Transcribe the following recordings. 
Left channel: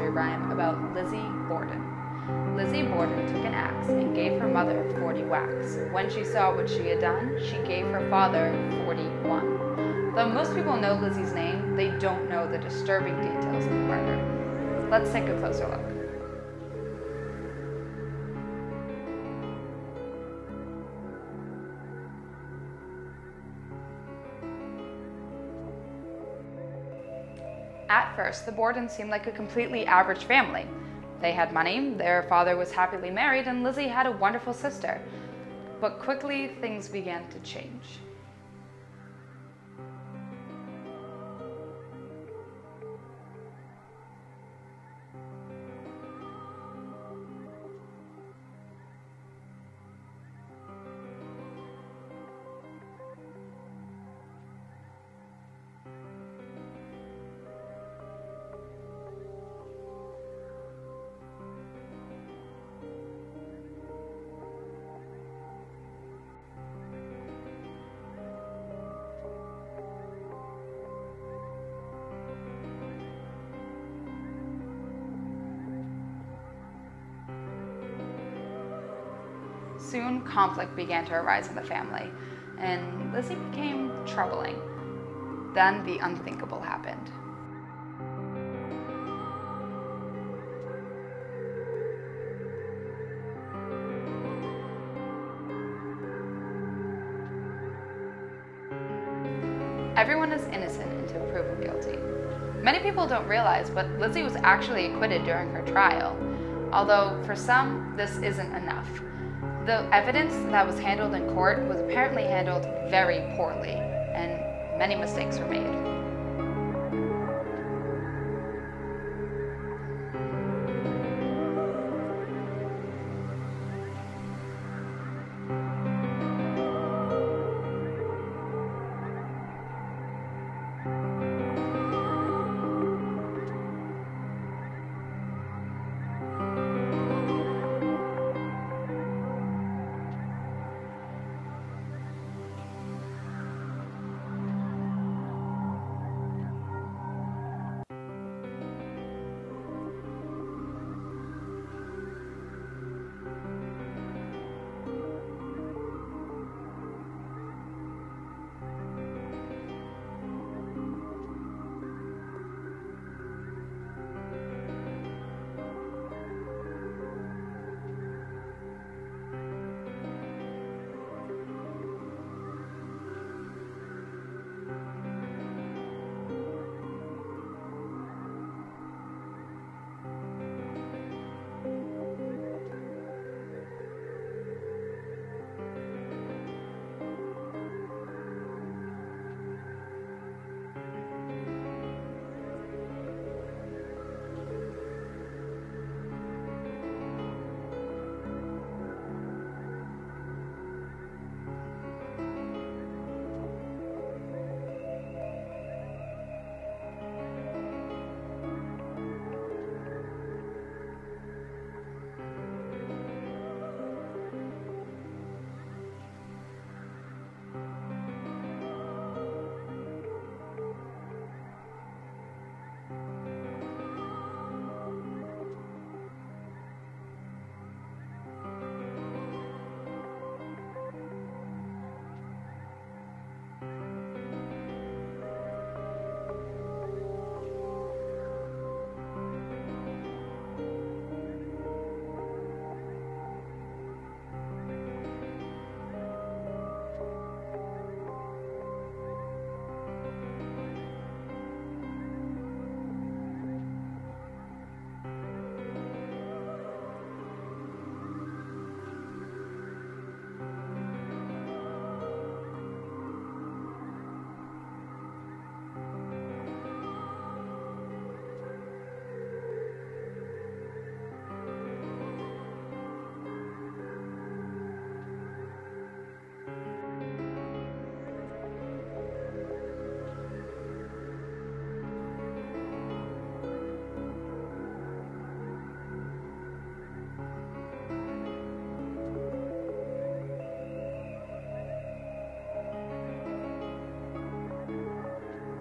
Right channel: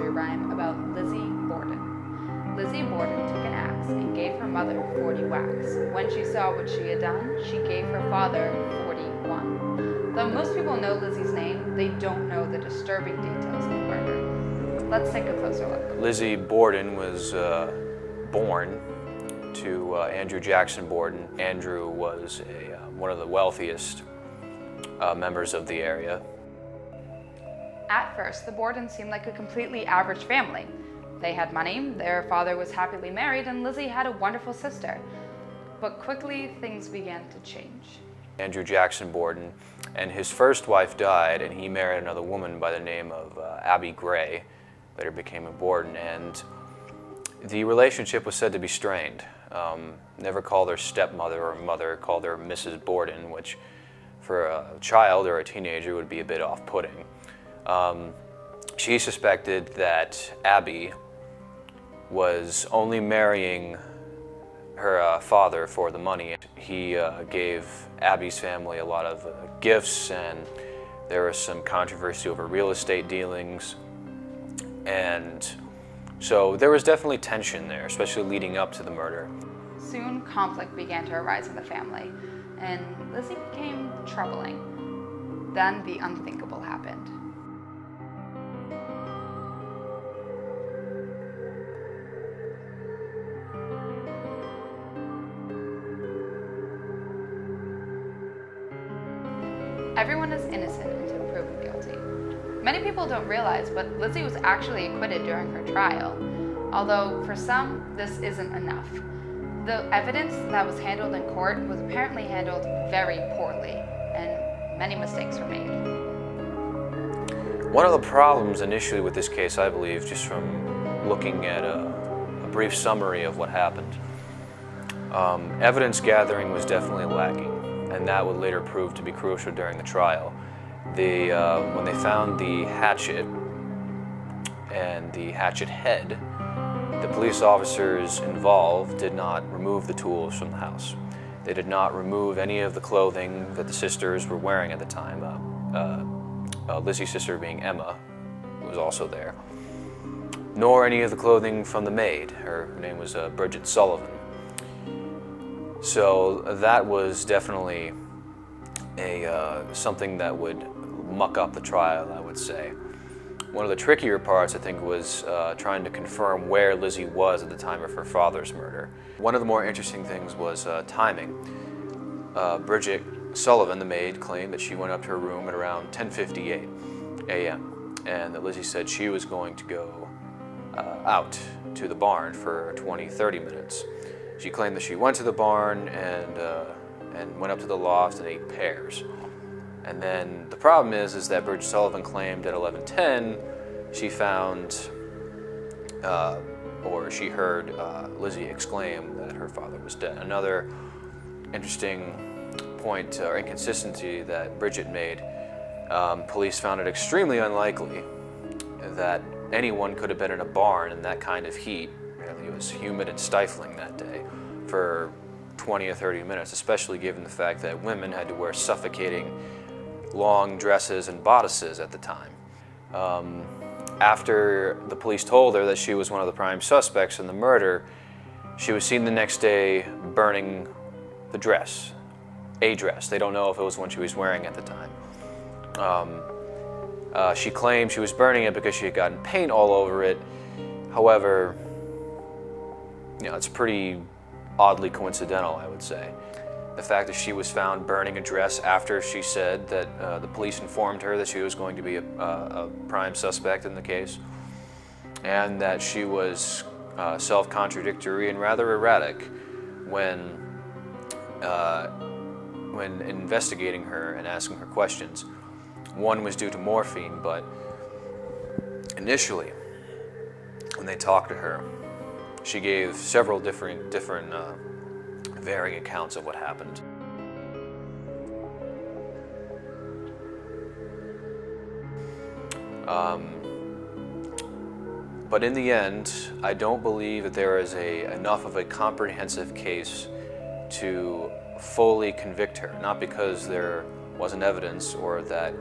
nursery rhyme about Lizzie Borden. Lizzie Borden took an axe and gave her mother 40 whacks. When she saw what she had done, she gave her father 41. Though most people know Lizzie's name, they don't know the disturbing details of the murder. Let's take a closer look. Lizzie Borden was born to Andrew Jackson Borden. Andrew was one of the wealthiest members of the area. At first, the Bordens seemed like a completely average family. They had money, their father was happily married, and Lizzie had a wonderful sister. But quickly, things began to change. Andrew Jackson Borden and his first wife died, and he married another woman by the name of Abby Gray, later became a Borden, and the relationship was said to be strained. Never called her stepmother or mother, called her Mrs. Borden, which for a child or a teenager would be a bit off-putting. She suspected that Abby was only marrying her father for the money. He gave Abby's family a lot of gifts, and there was some controversy over real estate dealings. And so there was definitely tension there, especially leading up to the murder. Soon, conflict began to arise in the family, and Lizzie became troubling. Then the unthinkable happened. Everyone is innocent until proven guilty. Many people don't realize, but Lizzie was actually acquitted during her trial. Although, for some, this isn't enough. The evidence that was handled in court was apparently handled very poorly, and many mistakes were made. One of the problems initially with this case, I believe, just from looking at a brief summary of what happened, evidence gathering was definitely lacking, and that would later prove to be crucial during the trial. When they found the hatchet and the hatchet head, the police officers involved did not remove the tools from the house. They did not remove any of the clothing that the sisters were wearing at the time. Lizzie's sister being Emma was also there. Nor any of the clothing from the maid. Her name was Bridget Sullivan. So that was definitely something that would muck up the trial, I would say. One of the trickier parts, I think, was trying to confirm where Lizzie was at the time of her father's murder. One of the more interesting things was timing. Bridget Sullivan, the maid, claimed that she went up to her room at around 10:58 a.m. and that Lizzie said she was going to go out to the barn for 20-30 minutes. She claimed that she went to the barn and went up to the loft and ate pears. And then the problem is that Bridget Sullivan claimed at 11:10 she found, or she heard Lizzie exclaim that her father was dead. Another interesting point or inconsistency that Bridget made, police found it extremely unlikely that anyone could have been in a barn in that kind of heat. It was humid and stifling that day for 20 or 30 minutes, especially given the fact that women had to wear suffocating long dresses and bodices at the time. After the police told her that she was one of the prime suspects in the murder, she was seen the next day burning the dress, a dress. They don't know if it was one she was wearing at the time. She claimed she was burning it because she had gotten paint all over it. However, it's pretty oddly coincidental, I would say. The fact that she was found burning a dress after she said that the police informed her that she was going to be a prime suspect in the case, and that she was self-contradictory and rather erratic when investigating her and asking her questions. One was due to morphine, but initially, when they talked to her, she gave several different varying accounts of what happened. But in the end, I don't believe that there is enough of a comprehensive case to fully convict her, not because there wasn't evidence or that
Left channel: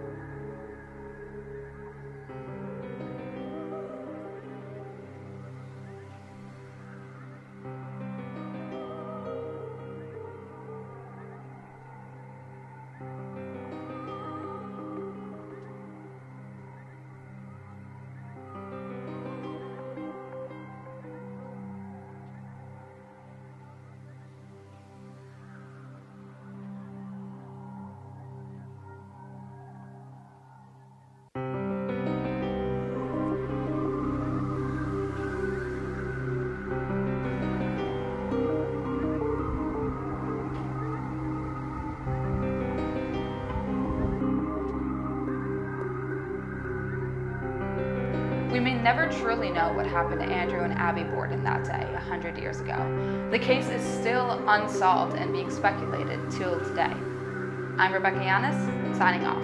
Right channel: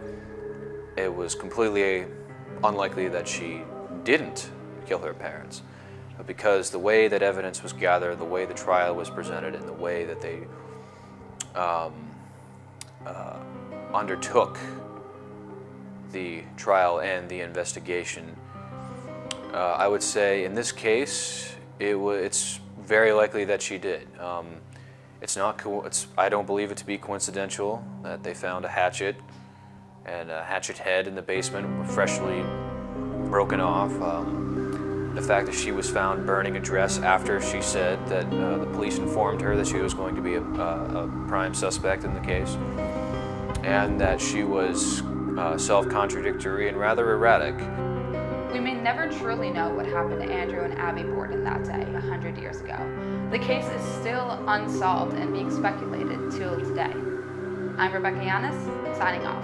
it was completely unlikely that she didn't kill her parents, but because the way that evidence was gathered, the way the trial was presented, and the way that they undertook the trial and the investigation, I would say in this case, it's very likely that she did. I don't believe it to be coincidental that they found a hatchet and a hatchet head in the basement, freshly broken off. The fact that she was found burning a dress after she said that the police informed her that she was going to be a prime suspect in the case, and that she was self-contradictory and rather erratic. We may never truly know what happened to Andrew and Abby Borden that day, 100 years ago. The case is still unsolved and being speculated till today. I'm Rebecca Yanis, signing off.